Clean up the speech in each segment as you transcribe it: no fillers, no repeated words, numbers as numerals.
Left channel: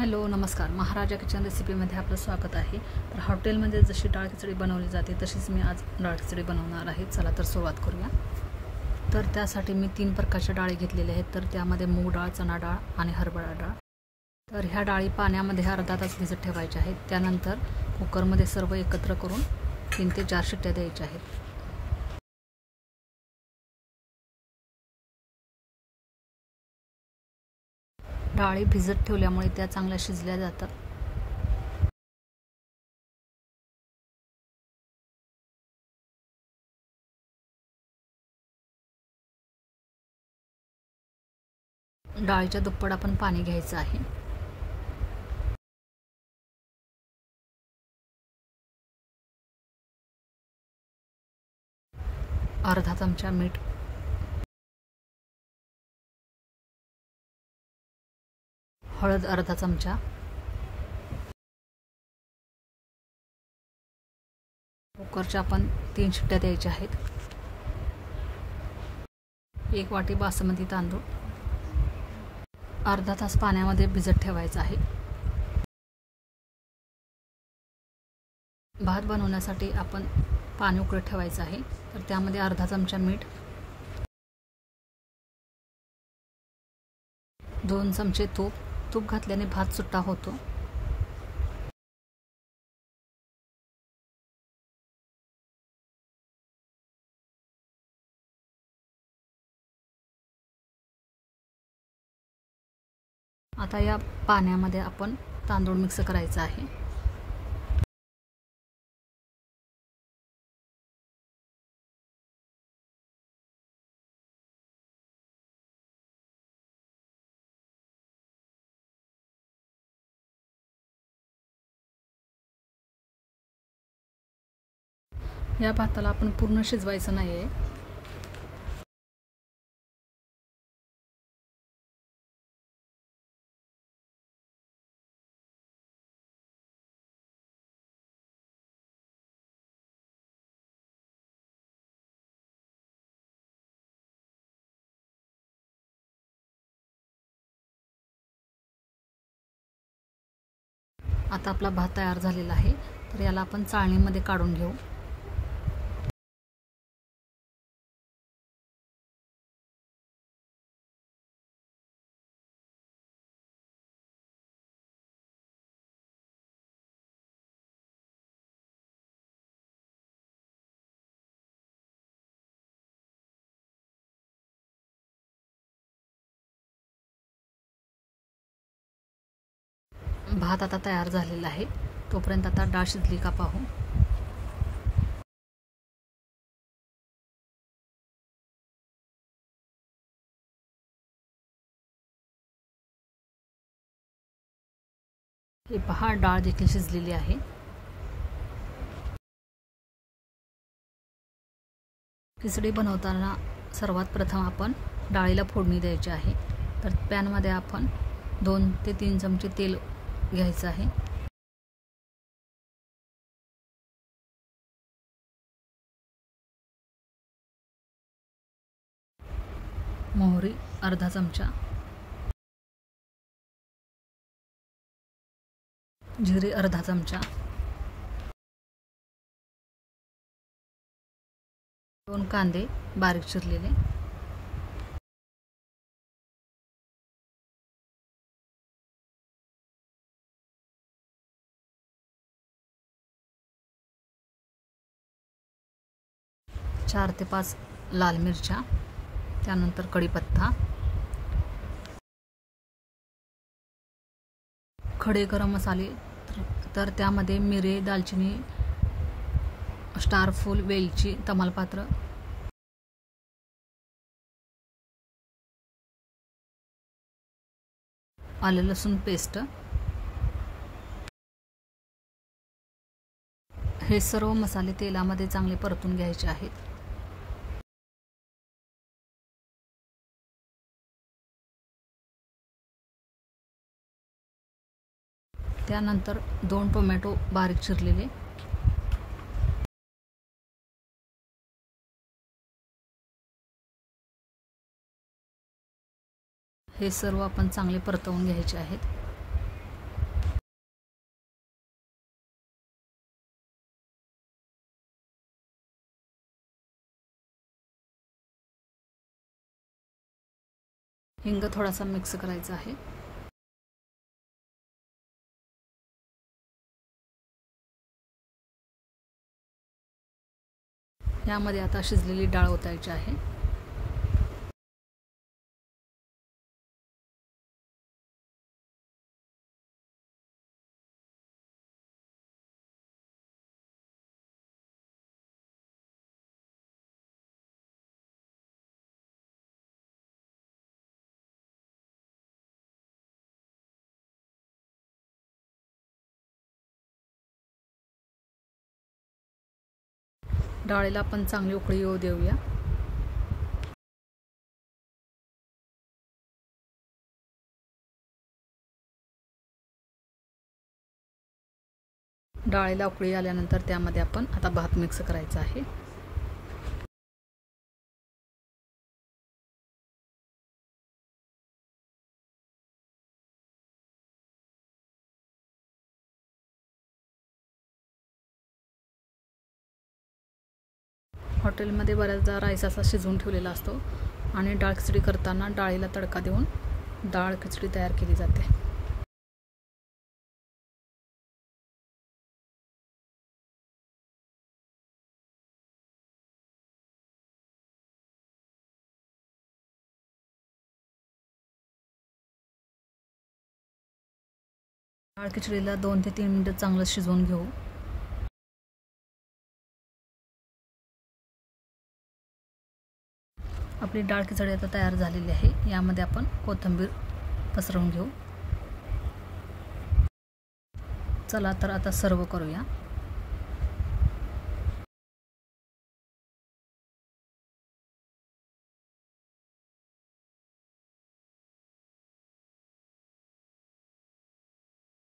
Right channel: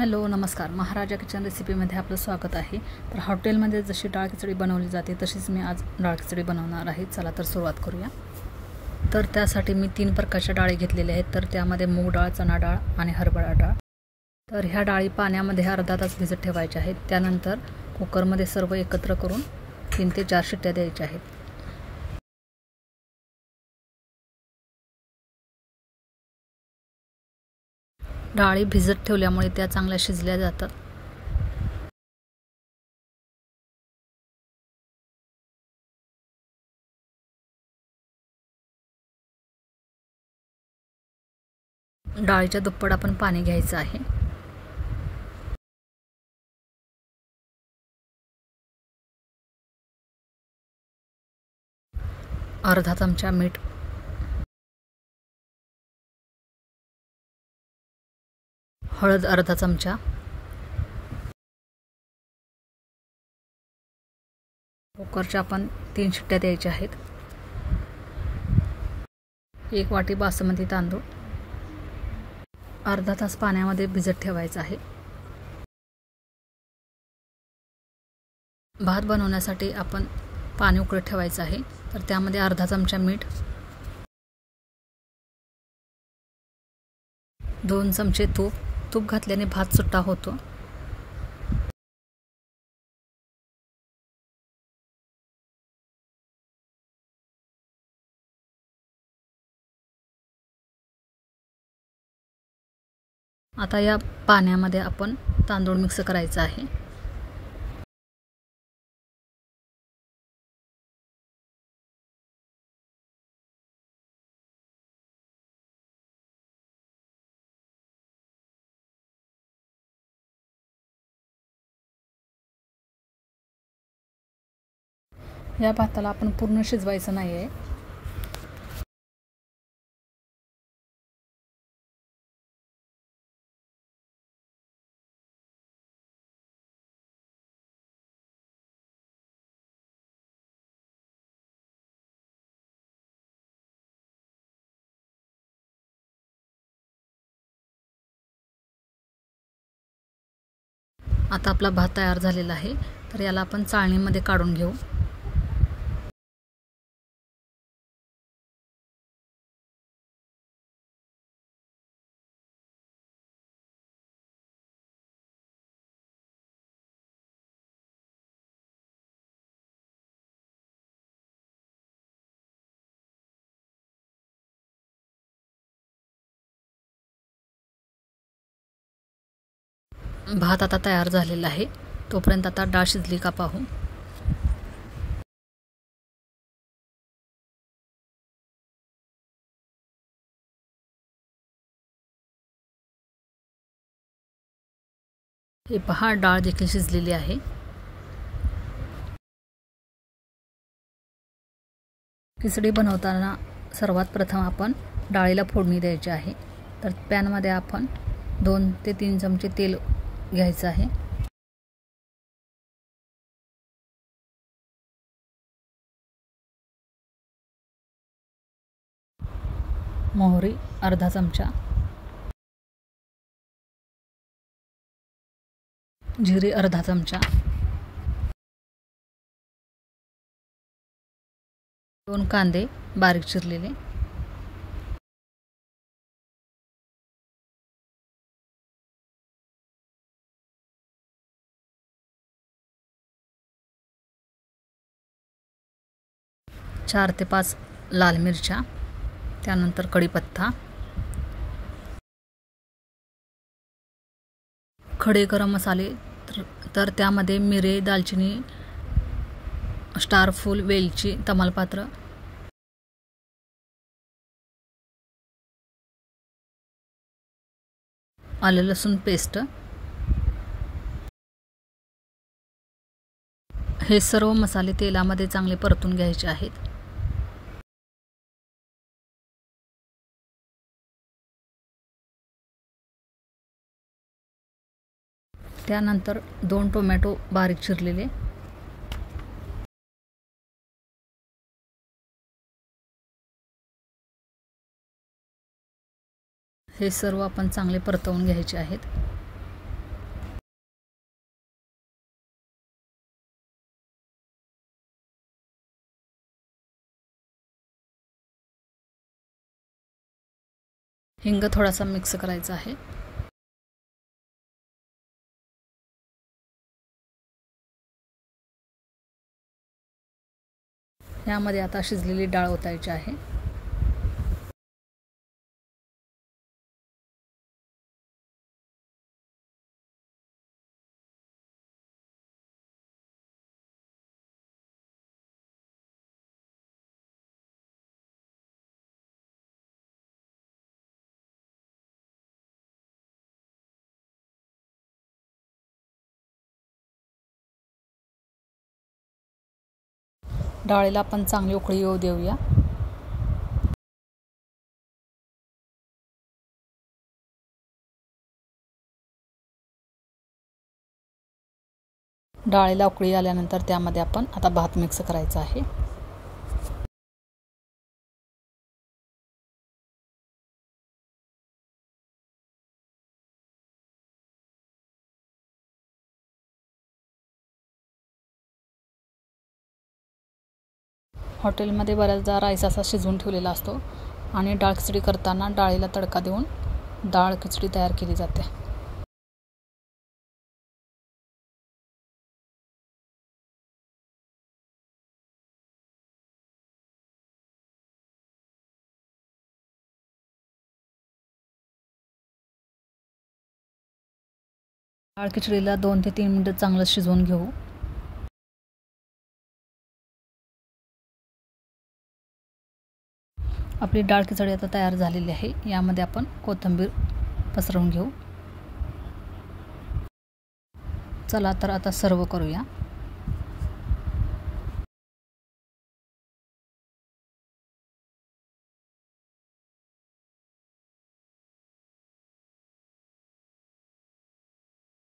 Hello नमस्कार, महाराजा kitchen रेसिपीमध्ये आपलं स्वागत आहे। तर हॉटेलमध्ये जशी डाळ खिचडी बनवली जाते तशीच मी आज डाळ खिचडी बनवणार आहे। चला तर सुरुवात करूया। तर त्यासाठी मी 3 प्रकारच्या डाळी घेतलेल्या आहेत। तर त्यामध्ये मूग डाळ, चणा डाळ आणि हरभरा डाळ। तर ह्या डाळी पाण्यामध्ये अर्धा तास भिजत ठेवायच्या आहेत। त्यानंतर कुकरमध्ये सर्व एकत्र करून 3 ते 4 शिट्ट्या द्यायच्या आहेत। डाळी भिजत ठेवल्यामुळे त्या चांगल्या शिजल्या जातात। डाळीच्या दुप्पट आपण पाणी घ्यायचं आहे। अर्धा चमचा मीठ, हळद अर्धा चमचा, कुकरच्या आपण 3 शिट्ट्या द्यायच्या आहेत। 1 वाटी बासमती तांदूळ अर्धा तास पाण्यामध्ये भिजत ठेवायचा आहे। भात बनवण्यासाठी आपण पाणी उकळत ठेवायचं आहे। तर त्यामध्ये अर्धा चमचा मीठ, 2 चमचे तूप घातल्याने भात सुट्टा होतो। आता या पाण्यामध्ये आपण तांदूळ मिक्स करायचा आहे। या भाताला आपण पूर्ण शिजवायचं नाही आहे। आता आपला भात तयार झालेला आहे। तर याला आपण चाळणीमध्ये काढून घेऊ। भात आता तयार झालेला आहे। तोपर्यंत आता डाळ शिजली का पाहू। हे पहा, डाळ देखील शिजलेली आहे। खिचडी बनवताना सर्वात प्रथम आपण डाळीला फोडणी द्यायची आहे। तर पॅनमध्ये आपण 2 ते 3 चमचे तेल घ्यायचं आहे। मोहरी अर्धा चमचा, जिरे अर्धा चमचा, 2 कांदे बारीक चिरलेले, चार ते 5 लाल मिरच्या, त्यानंतर कढीपत्ता, खडे गरम मसाले तर त्यामध्ये मिरे, दालचिनी, स्टार फूल, वेलची, तमालपत्र, आलं लसूण पेस्ट, हे सर्व मसाले तेलामध्ये चांगले परतून घ्यायचे आहेत। त्यानंतर 2 टोमॅटो बारीक चिरलेले, हे सर्व आपण चांगले परतवून घ्यायचे आहेत। हिंग थोडासा मिक्स करायचा आहे. यामध्ये आता शिजलेली डाळ ओतायची आहे. डाळीला आपण चांगली उकळी येऊ देऊया. डाळीला उकळी आल्यानंतर त्यामध्ये आपण आता भात मिक्स करायचा आहे. हॉटेलमध्ये बऱ्याचदा राईस असा शिजवून ठेवलेला असतो आणि डाळ खिचडी करताना डाळीला तडका देऊन डाळ खिचडी तयार केली जाते. डाळ खिचडीला 2 ते 3 मिनिटं चांगलं शिजवून घेऊ. आपली डाळ खिचडी आता तयार झालेली आहे. यामध्ये आपण कोथिंबीर पसरवून घेऊ. चला तर आता सर्व करूया.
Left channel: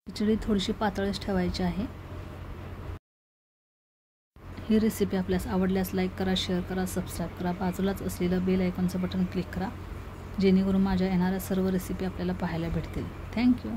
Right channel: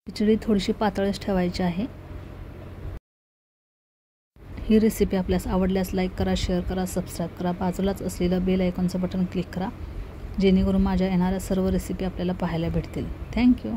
खिचडी थोडीशी पातळच ठेवायची आहे. ही रेसिपी आपल्यास आवडल्यास लाईक करा, शेअर करा, सबस्क्राईब करा. बाजूलाच असलेलं बेल आयकॉनचं बटन क्लिक करा जेणेकरून माझ्या येणाऱ्या सर्व रेसिपी आपल्याला पाहायला भेटतील. थँक्यू.